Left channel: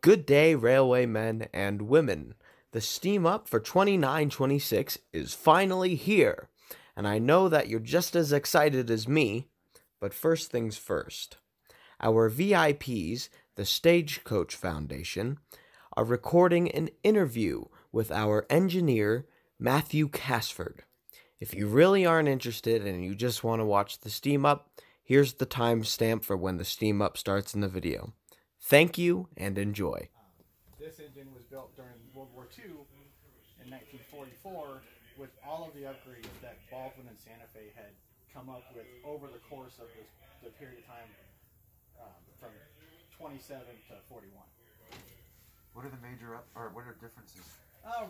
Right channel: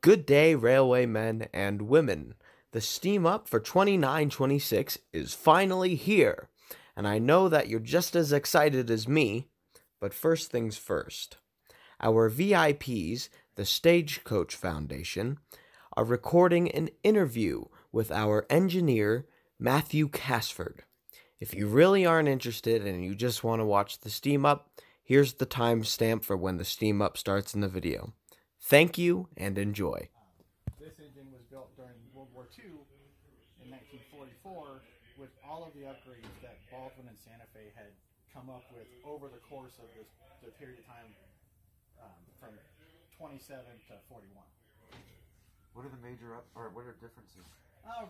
Good day, railway men and women. The steam up for 2926 is finally here, and I know that you're just as excited as me. But first things first. Our VIPs, the Stagecoach Foundation, are recording an interview with our engineer, Matthew Casford. If you really aren't interested and you just want to watch the steam up, here's the timestamp for when the steam up starts in the video. Thank you and enjoy. This engine was built during World War II in 1944 with all of the upgrades that Baldwin and Santa Fe had come up with over the course of the period of time from 27 to 41. What are the major what are differences?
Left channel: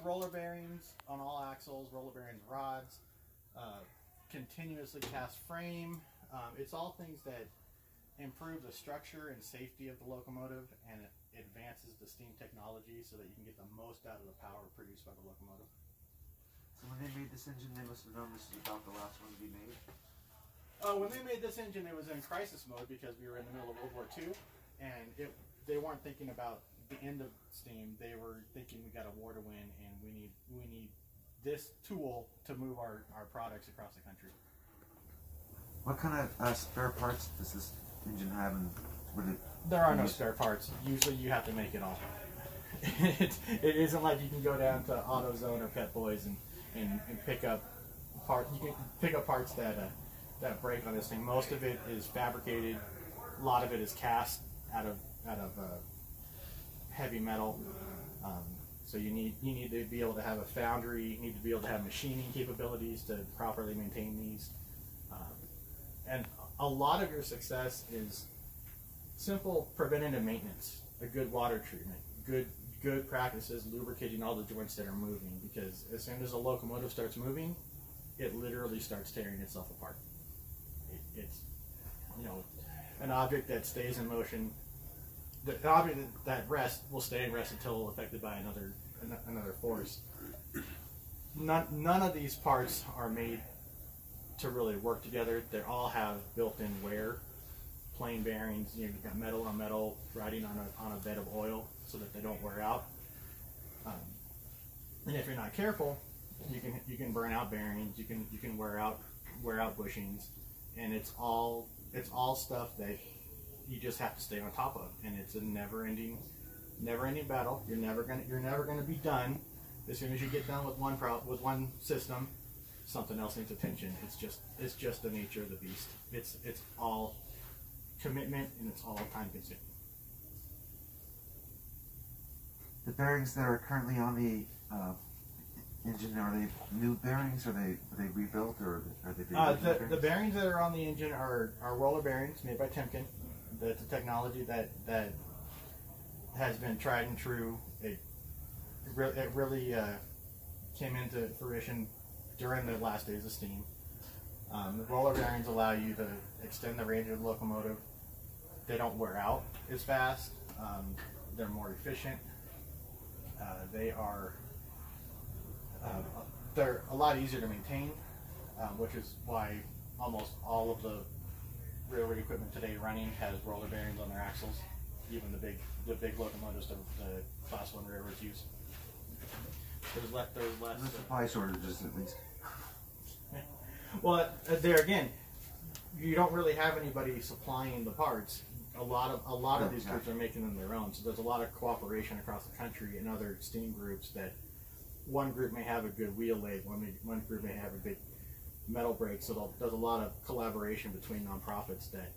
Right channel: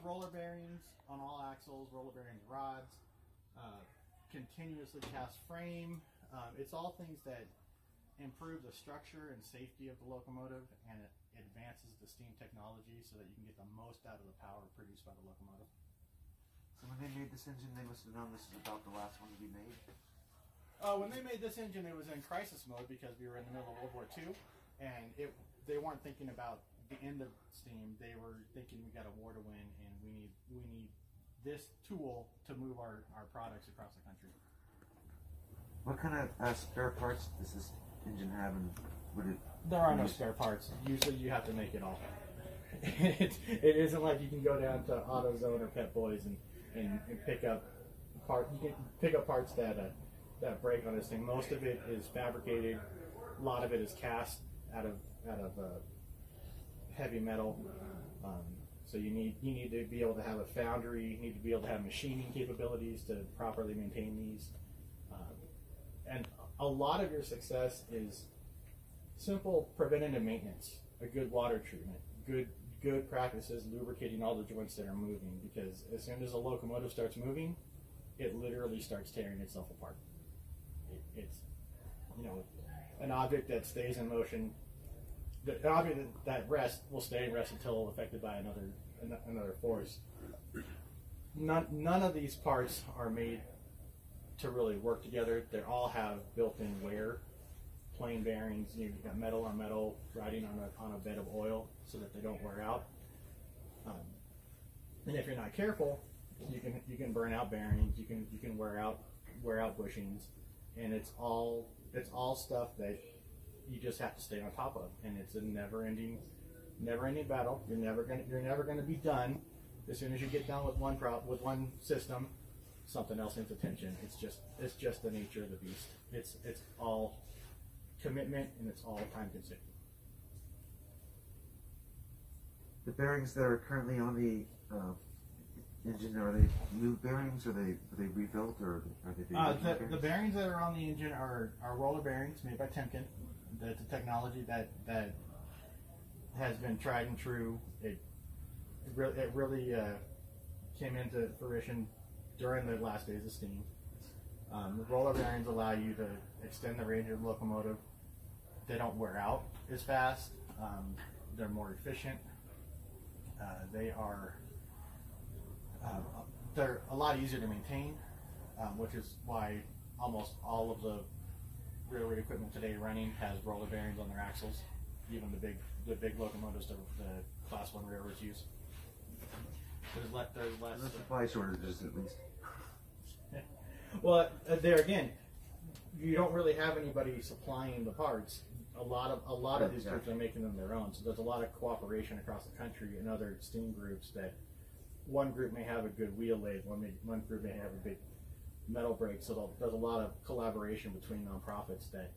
Roller bearings on all axles, roller bearings rods, continuously cast frame. It's all things that improve the structure and safety of the locomotive, and it advances the steam technology so that you can get the most out of the power produced by the locomotive. So when they made this engine, they must have known this was about the last one to be made? When they made this engine, it was in crisis mode because we were in the middle of World War II, and they weren't thinking about the end of steam. They were thinking we got a war to win, and we need this tool to move our products across the country. What kind of spare parts does this engine have, and there are no spare parts. Usually you have to make it all. It isn't like you can go down to AutoZone or Pet Boys and pick up parts. You can pick up parts that break on this thing. Most of it is fabricated. A lot of it is cast out of heavy metal. So you need to be able to have a foundry. You need to be able to have machining capabilities to properly maintain these. And a lot of your success is simple preventative maintenance, a good water treatment, good practices, lubricating all the joints that are moving, because as soon as a locomotive starts moving, it literally starts tearing itself apart. It's an object that stays in motion. The object that rests will stay in rest until affected by another force. None of these parts are made to really work together. They all have built-in wear. Plain bearings, you've got metal on metal riding on a bed of oil so that they don't wear out. And if you're not careful, you can burn out bearings. You can wear out bushings, and it's all stuff that you just have to stay on top of. And it's a never-ending battle. You're never gonna be done. As soon as you get done with one system, something else needs attention. It's just the nature of the beast. It's all commitment, and it's all time consuming. The bearings that are currently on the engine, are they new bearings? Are they rebuilt, or are they the bearings that are on the engine are roller bearings made by Timken. That's a technology that has been tried and true. It really came into fruition during the last days of steam. The roller bearings allow you to extend the range of the locomotive. They don't wear out as fast. They're more efficient. They're a lot easier to maintain, which is why almost all of the railroad equipment today running has roller bearings on their axles. Even the big locomotives the Class 1 railroads use. There's less. The supply shortages, at least. Well, there again, you don't really have anybody supplying the parts. A lot of these groups are making them their own. So there's a lot of cooperation across the country and other steam groups that one group may have a good wheel lathe, one group may have a big metal brake. So there's a lot of collaboration between nonprofits that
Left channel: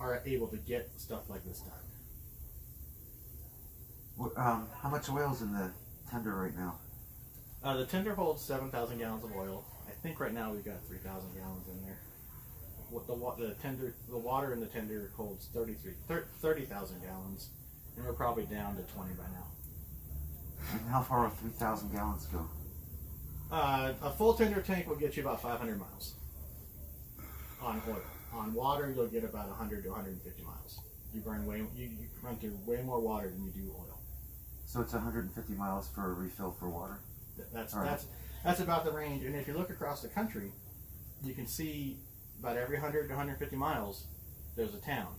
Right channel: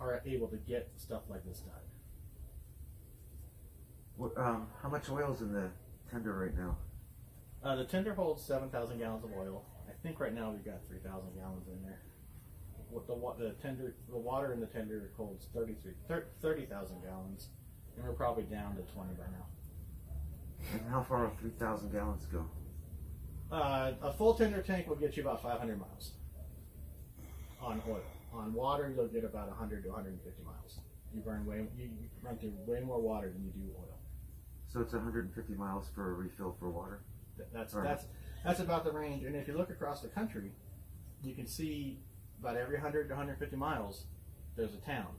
are able to get stuff like this done. How much oil is in the tender right now? The tender holds 7,000 gallons of oil. I think right now we've got 3,000 gallons in there. The water in the tender holds 30,000 gallons, and we're probably down to 20 by now. And how far will 3,000 gallons go? A full tender tank will get you about 500 miles on oil. On water, you'll get about 100 to 150 miles. You run through way more water than you do oil. So it's 150 miles for a refill for water? That's about the range. And if you look across the country, you can see about every 100 to 150 miles, there's a town,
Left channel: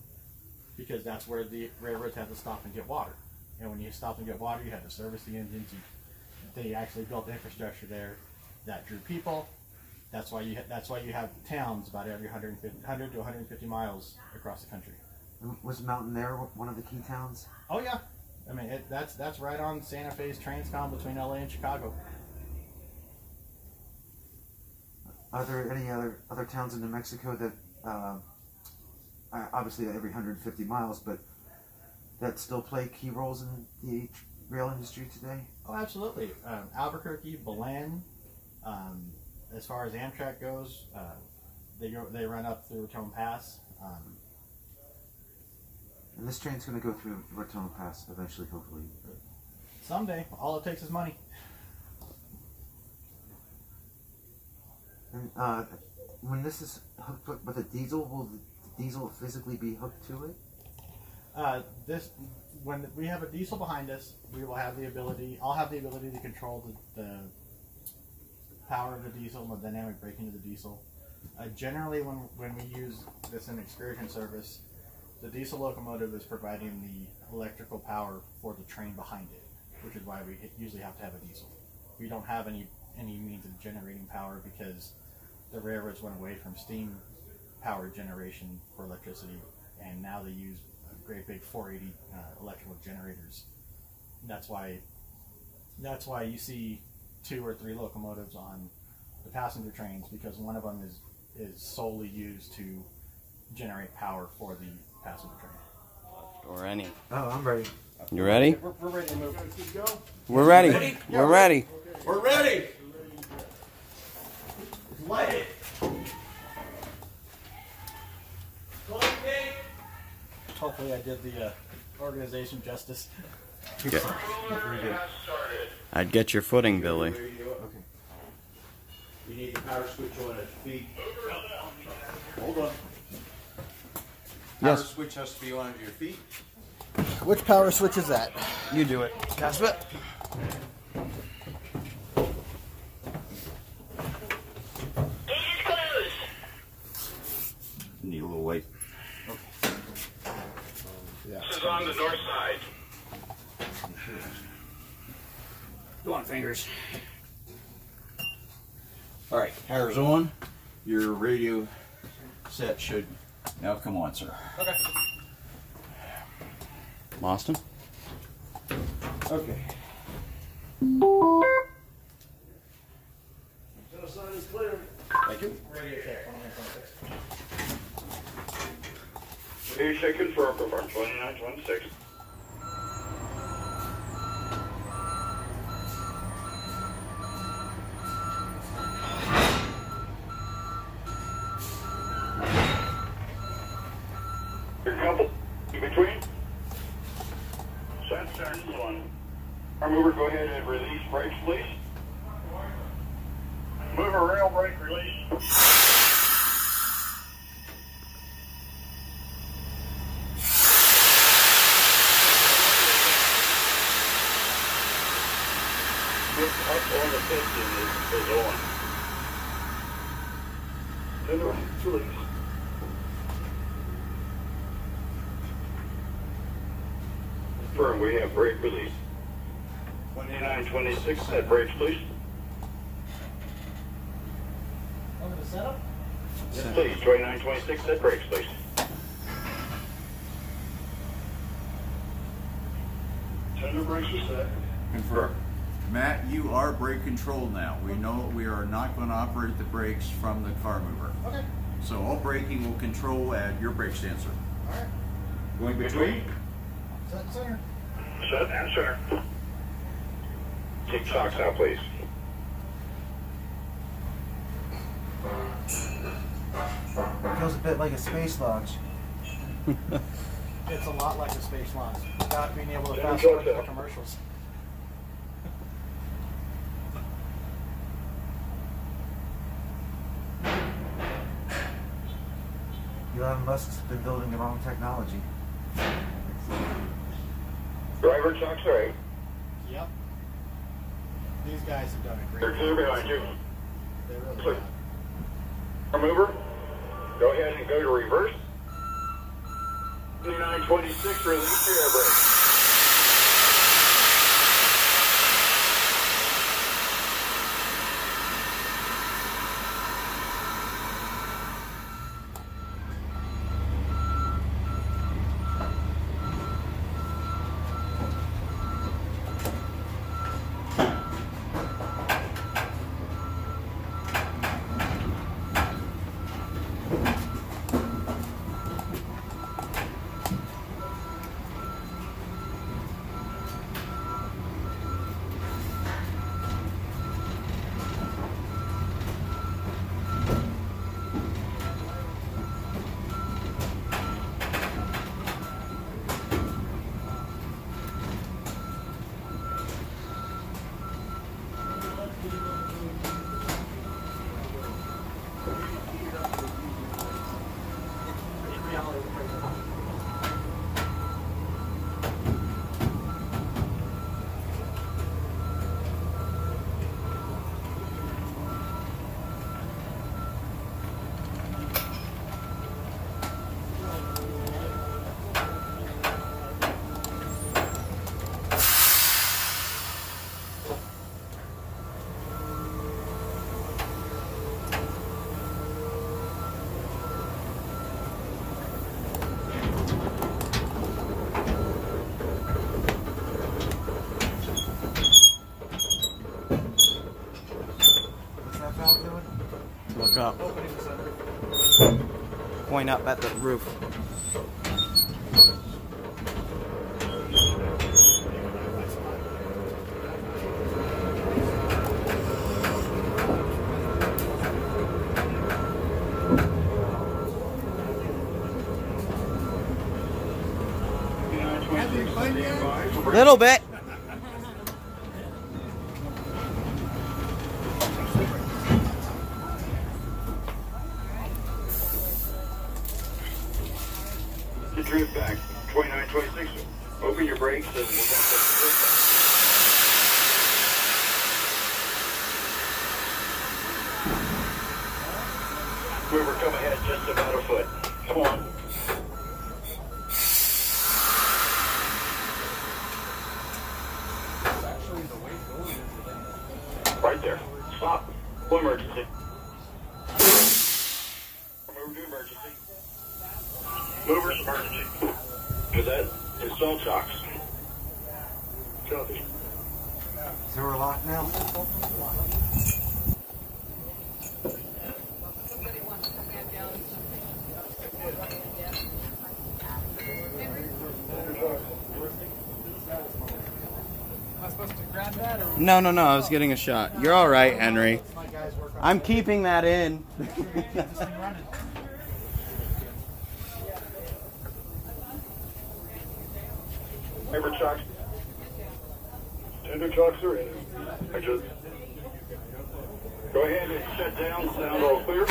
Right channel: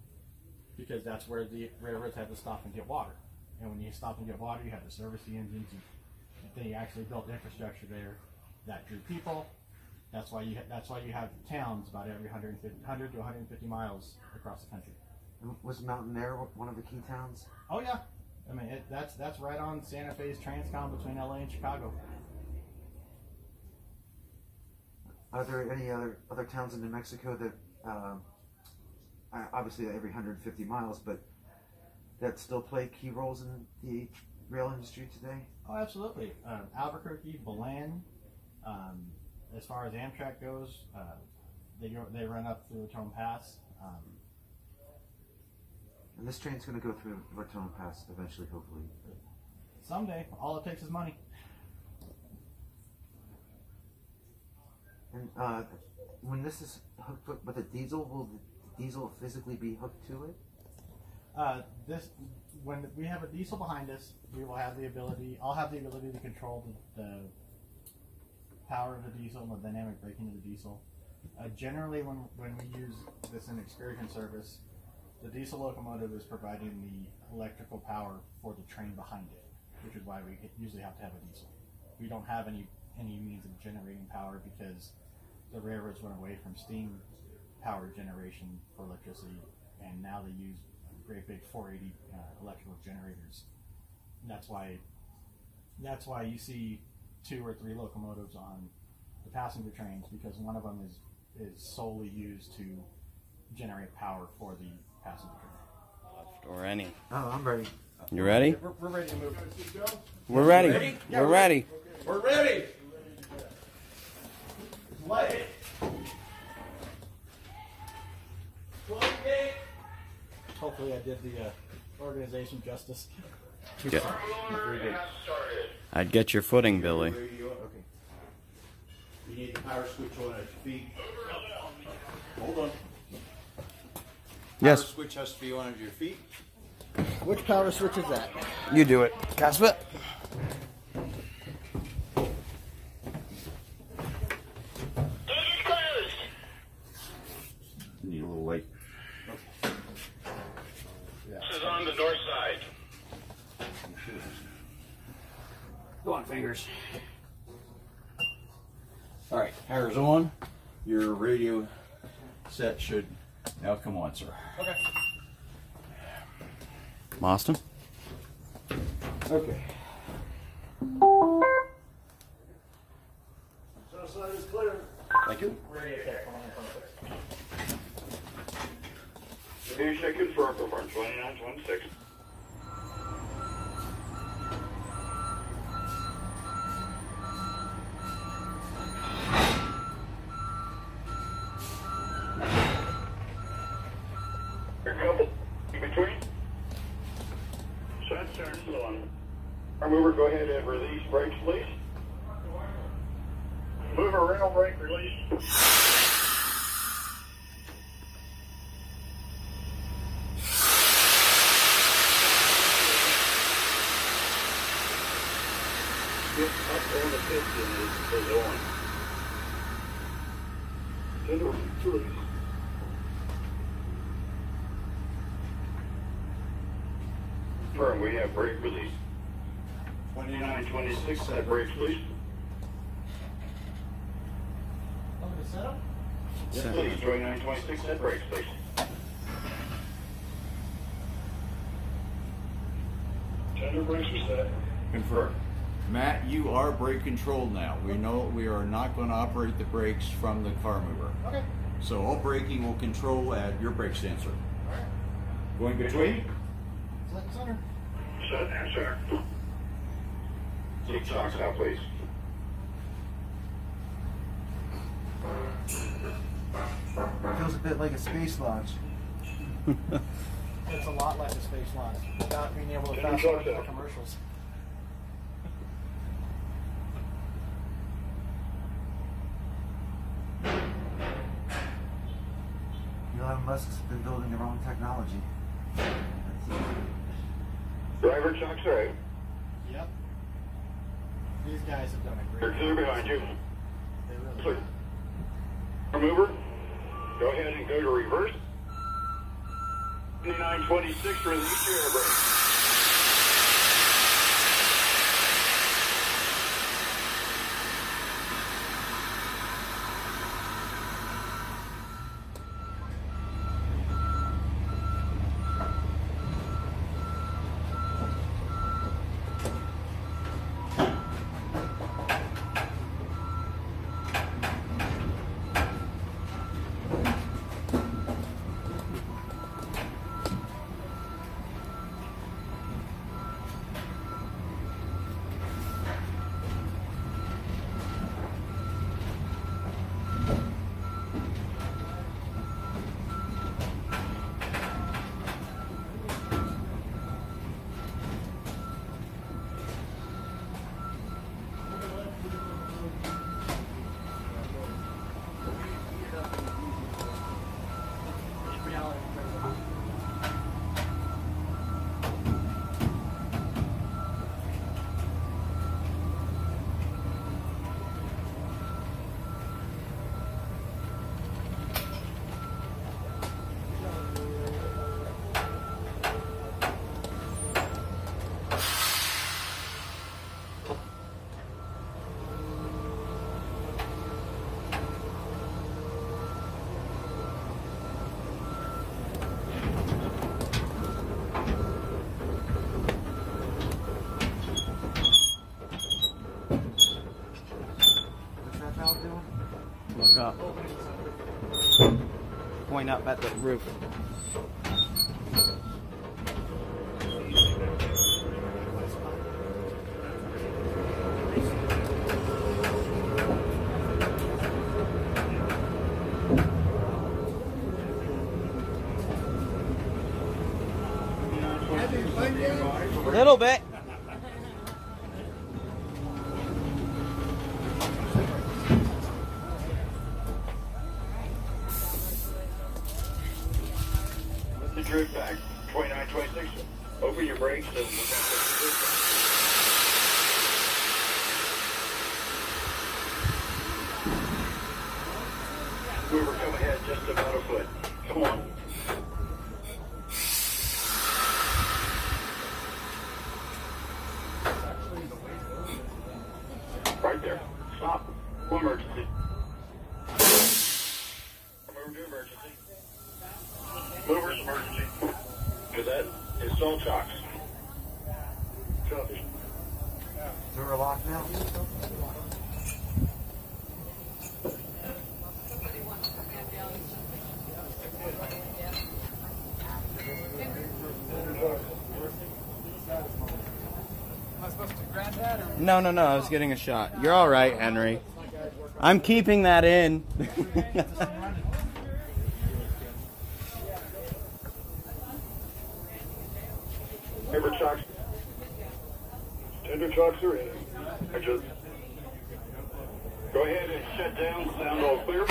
because that's where the railroads have to stop and get water. And when you stopped and get water, you had to service the engines. They actually built infrastructure there that drew people. That's why you have towns about every 100 to 150 miles across the country. And was Mountain Air one of the key towns? Oh yeah, I mean that's right on Santa Fe's Transcom between LA and Chicago. Are there any other towns in New Mexico that, obviously every 150 miles, but that still play key roles in the rail industry today? Oh, absolutely. Albuquerque, Belen. As far as Amtrak goes, they run up through Raton Pass. And this train's going to go through Raton Pass eventually, hopefully. Someday, all it takes is money. And when this is hooked with a diesel, will the diesel physically be hooked to it? When we have a diesel behind us, we will have the ability. I'll have the ability to control the power of the diesel and the dynamic braking of the diesel. Generally, when we use this in excursion service, the diesel locomotive is providing the electrical power for the train behind it, which is why we usually have to have a diesel. We don't have any means of generating power because the railroads went away from steam power generation for electricity, and now they use great big 480 electrical generators. And that's why you see 2 or 3 locomotives on the passenger trains, because one of them is solely used to generate power for the passenger train. Or any. Oh, I'm ready. You ready? We're ready to move. We're ready. We're ready. We're ready. Light it. Hopefully I did the organization justice. Get, I'd get your footing, Billy. Okay. You need the power switch on at your feet. Hold on. Yes. Power switch has to be on at your feet. Which power switch is that? You do it. Cast it. Need a little weight. This is on the north side. Go on, fingers. All right, power's on. Your radio set should now come on, sir. Okay. Boston? Okay. Thank you. Ready to take 2926. You should confirm for 2926. Your couple in between. Set, turn one. Our mover, go ahead and release brakes, please. Mover, rail brake release. Up on the piston is on. Turn the release. Confirm, we have brake release. 2926, set brakes, please. Over the setup? Yes, please. 2926, set brakes, please. Turn the brakes are set. Confirm. Matt, you are brake controlled now. We know we are not going to operate the brakes from the car mover. Okay. So all braking will control at your brake sensor. All right. Going between? Set and center. Set and center. Take shocks out, please. Feels a bit like a space launch. It's a lot like a space launch without being able to Turn fast the forward to the truck out. commercials. Elon Musk's been building their own technology. Driver chocks right. Yep. These guys have done a great They're clear job. behind you. They really Clear. have. Our mover, go ahead and go to reverse. 2926, release your air brake. point up at the roof. Little bit. The drift back, 2926. Open your brakes and we're going to take the drift back. Mover, come ahead just about a foot. Come on. Right there. Stop. Full emergency. Mover to emergency. Mover's emergency. Cadet, install shocks. Copy. Zero lock now? No, I was getting a shot. You're all right, Henry. I'm keeping that in. Tender chocks. Tender chocks are in. Go ahead and shut down. Sound all clear.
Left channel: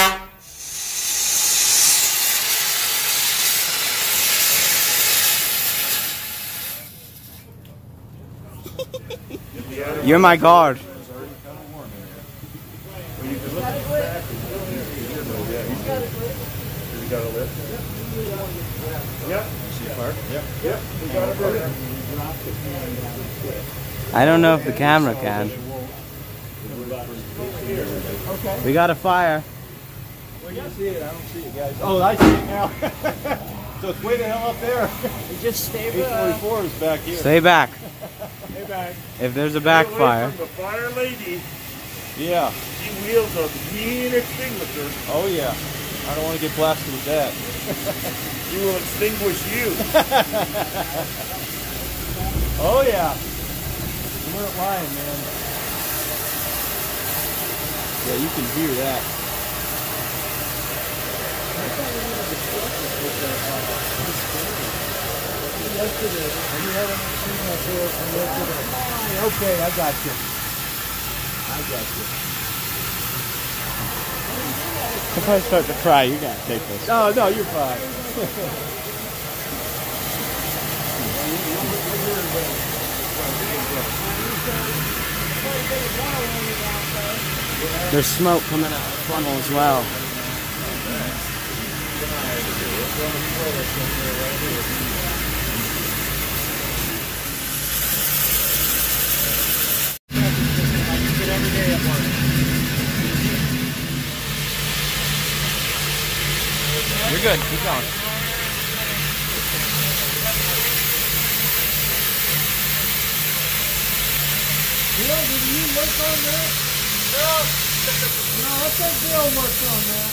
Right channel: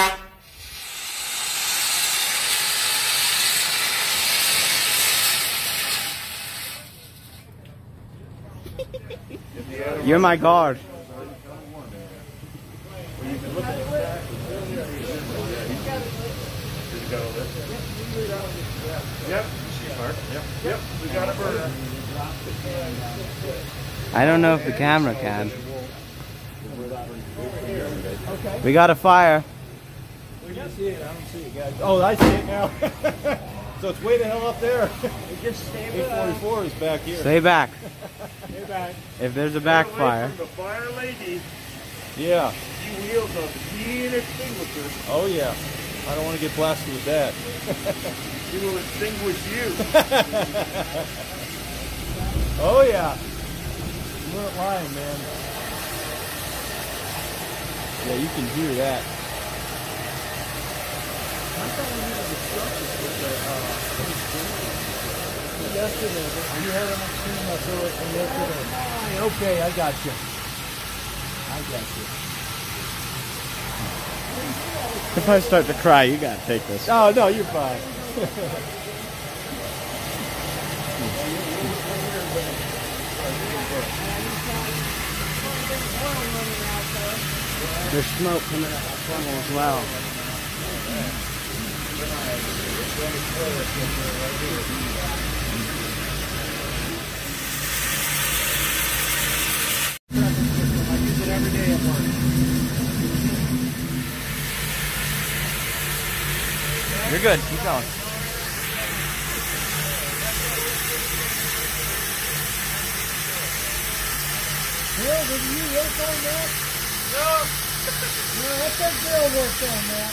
You're my guard. I don't know if the camera can. We got a fire. Where do you see it? I don't see it, guys. Oh, I see it now. So it's way the hell up there. It just stay back. 844 is back here. Stay back. Stay back. If there's a backfire. The fire lady, Yeah. she wields a mean extinguisher. Oh, yeah. I don't want to get blasted with that. She will extinguish you. Oh, yeah. You weren't lying, man. Yeah, you can hear that. Okay, I got you. If I start to cry, you gotta take this. Oh, no, you're fine. There's smoke coming out of the funnel as well. You're good. Keep going. Bill, did you work on that? No, I think Bill worked on that.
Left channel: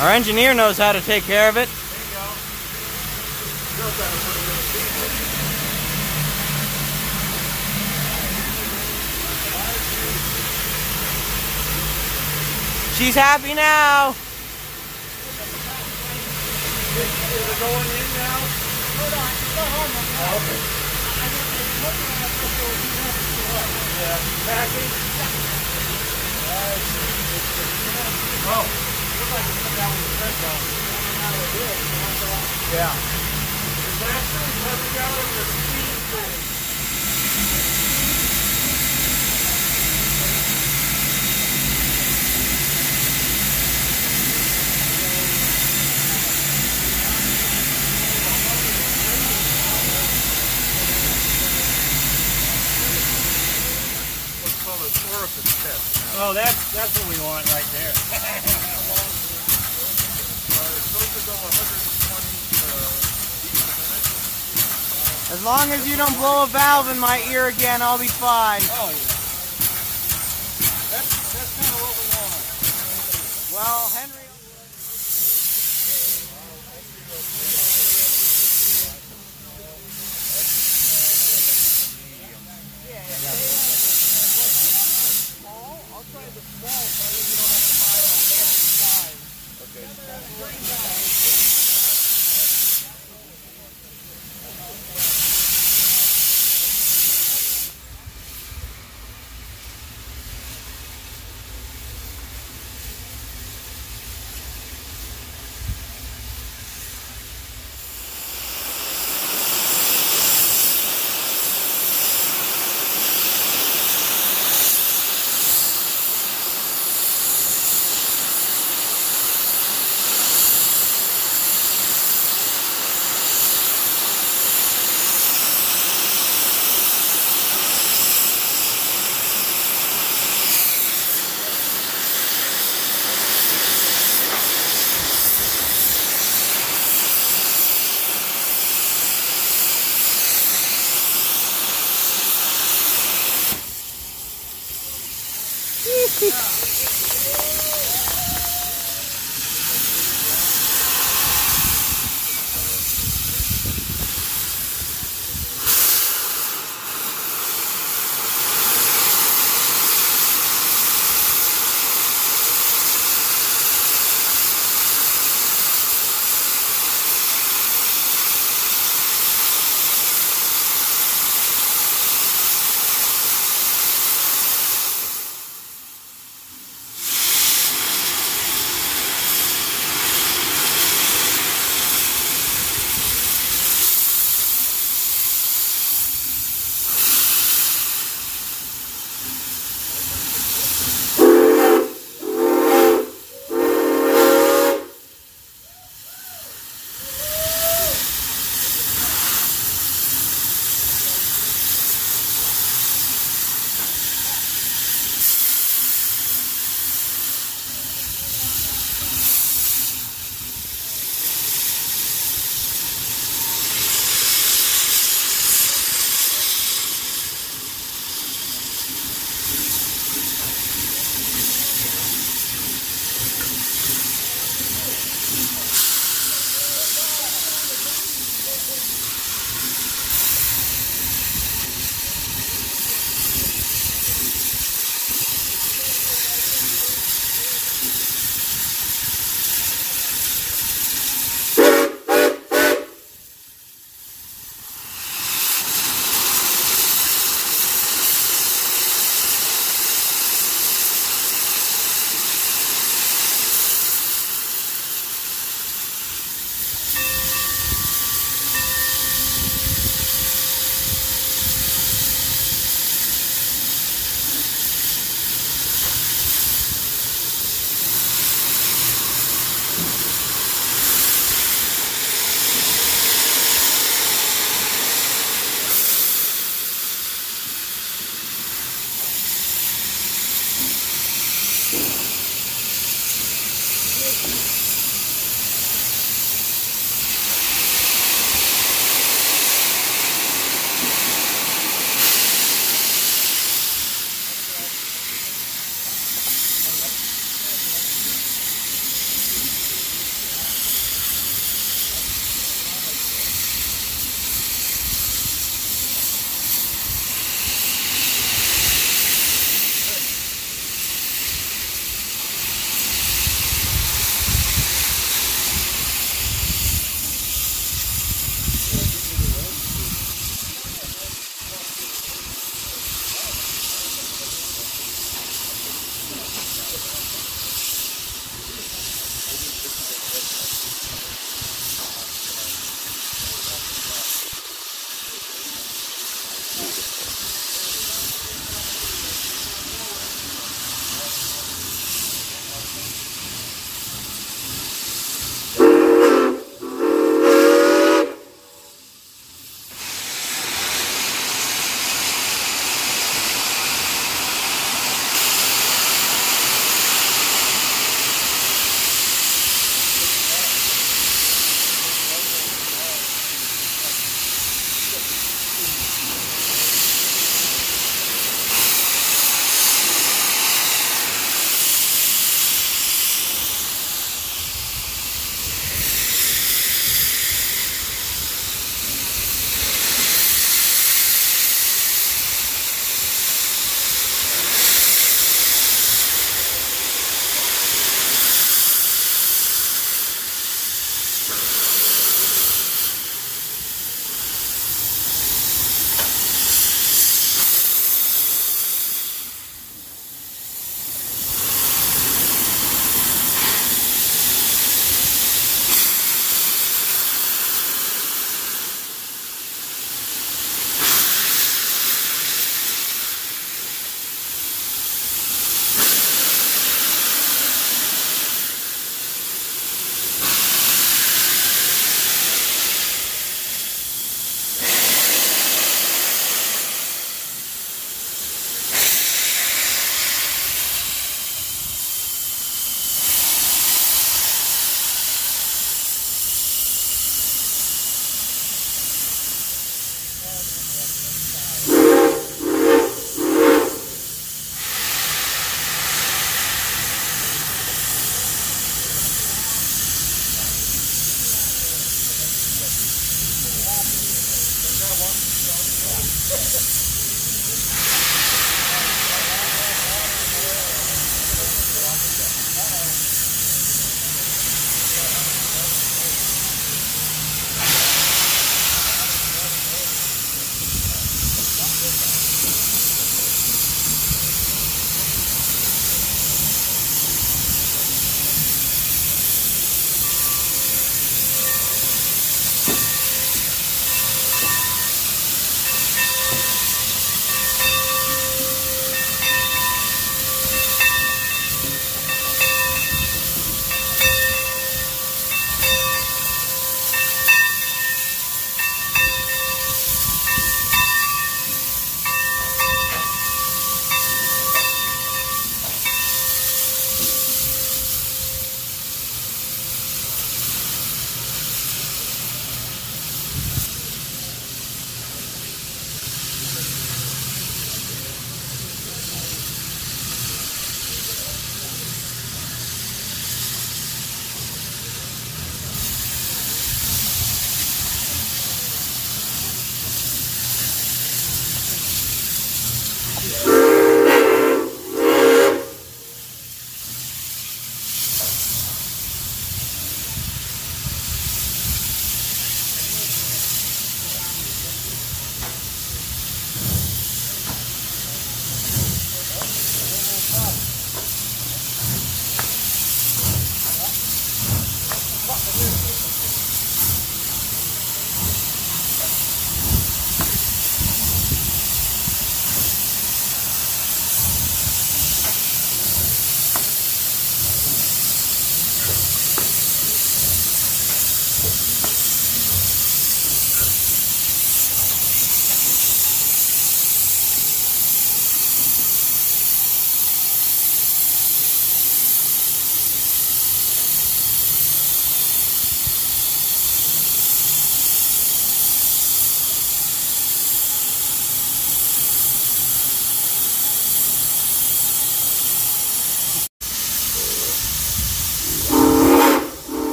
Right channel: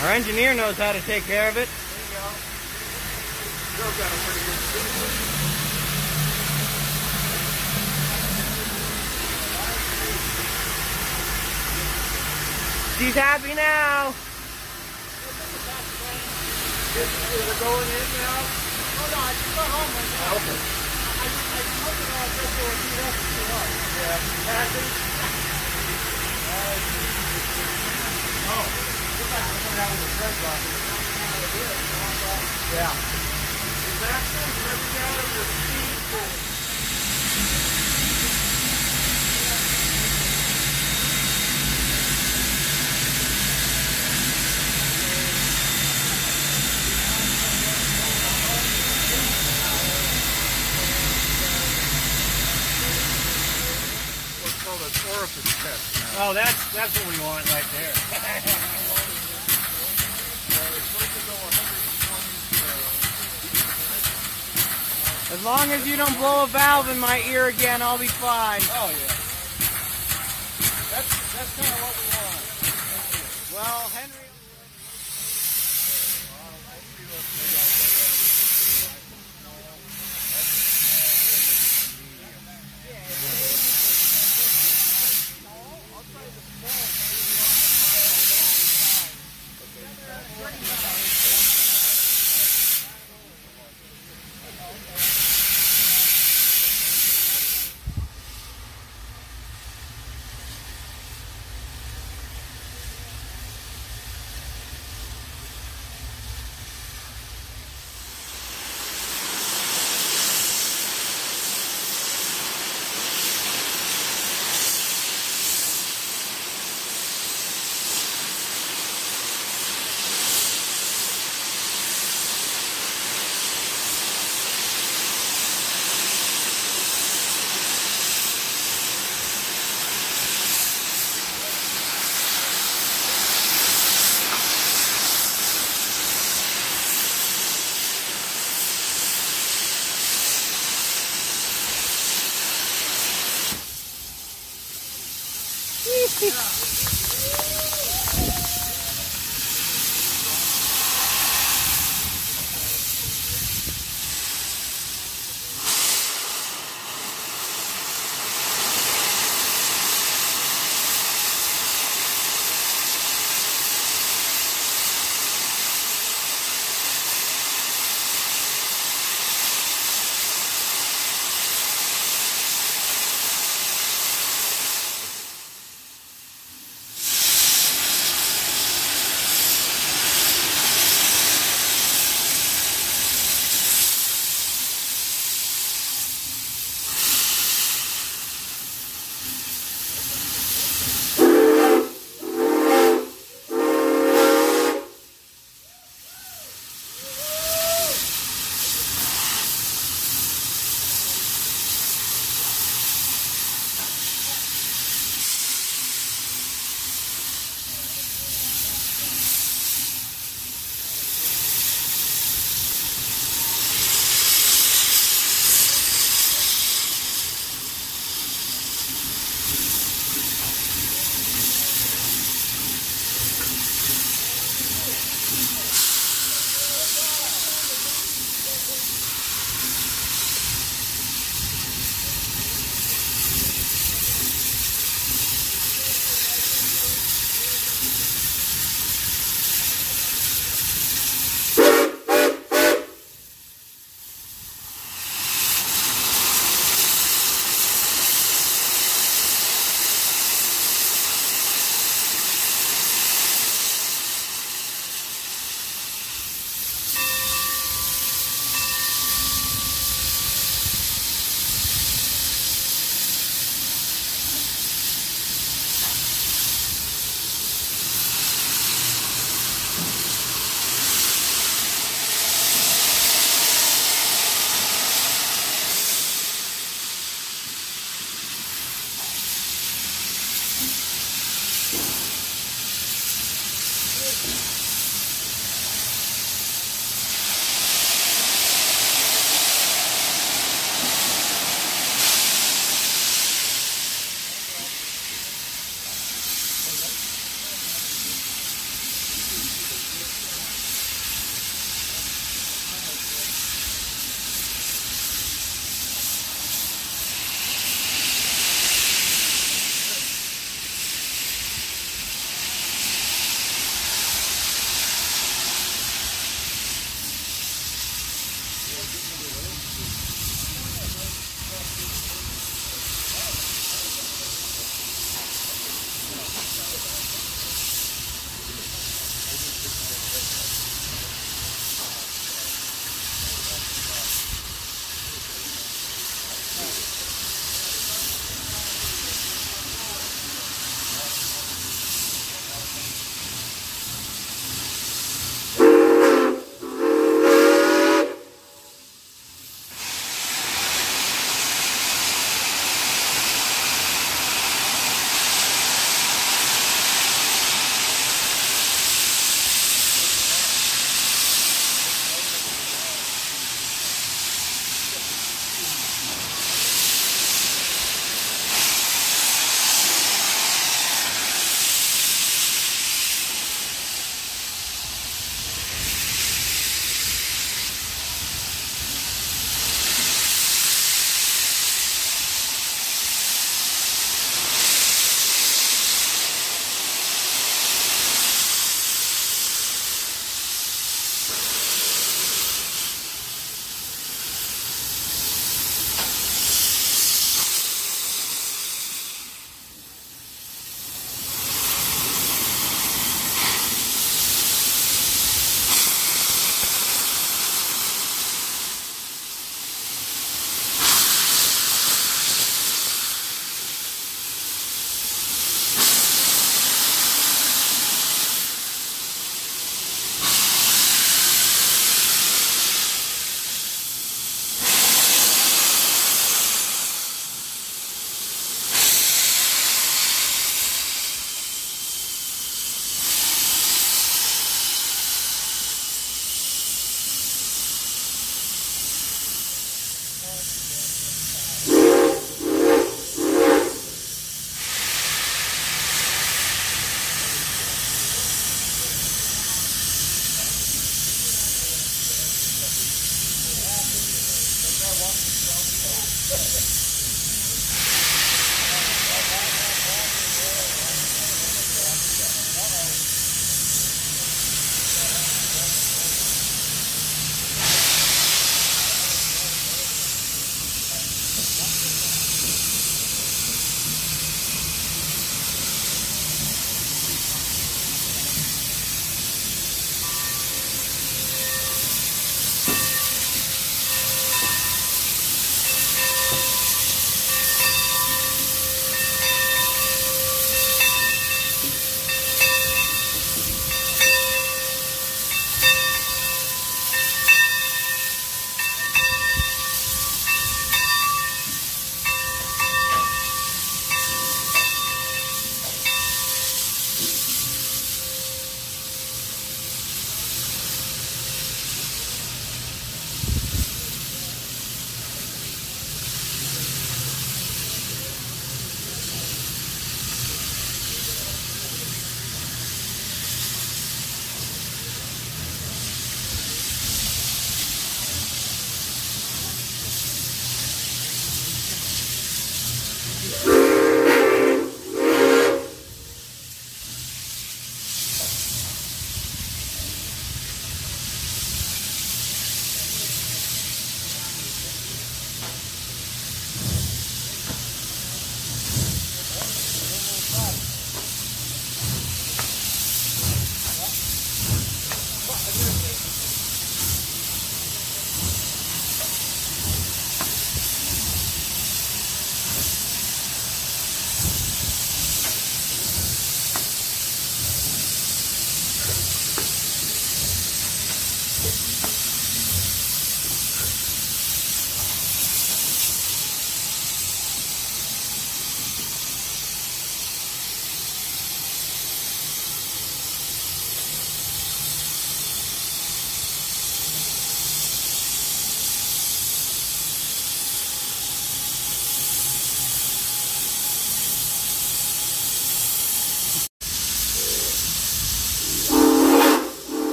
Our engineer knows how to take care of it. She's happy now. Is it going in now? Hold on, just go home. Okay. Passing? Yeah. Disaster coming out of the speed thing. Oh, that's what we want right there. It's supposed to go 120 beats a minute. As long as you don't blow a valve in my ear again, I'll be fine. Oh, yeah. That's kind of what we want. Well, Henry...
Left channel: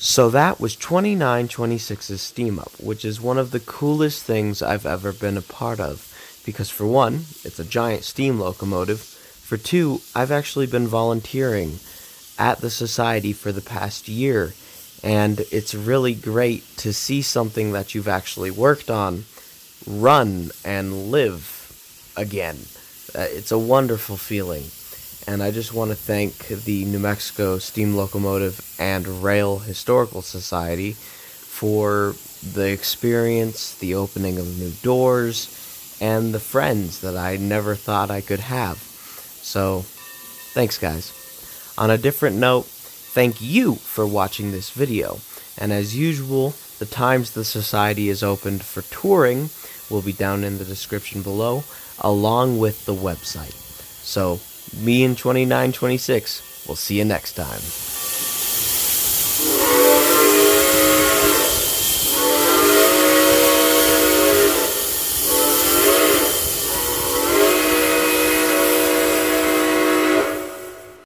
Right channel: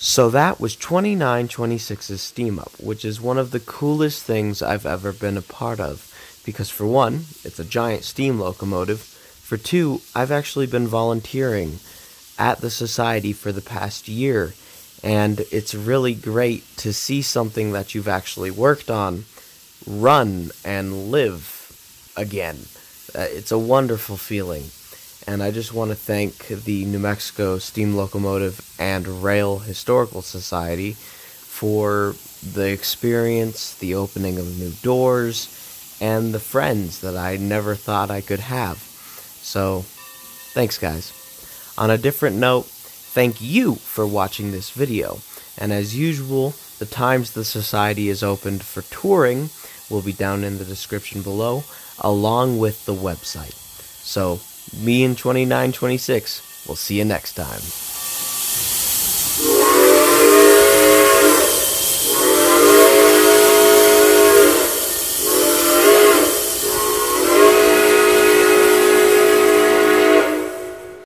So that was 2926's Steam Up, which is one of the coolest things I've ever been a part of, because for one, it's a giant steam locomotive. For two, I've actually been volunteering at the Society for the past year, and it's really great to see something that you've actually worked on run and live again. It's a wonderful feeling. And I just want to thank the New Mexico Steam Locomotive and Rail Historical Society for the experience, the opening of new doors, and the friends that I never thought I could have. So, thanks guys. On a different note, thank you for watching this video. And as usual, the times the Society is opened for touring will be down in the description below, along with the website. So, me and 2926, we'll see you next time.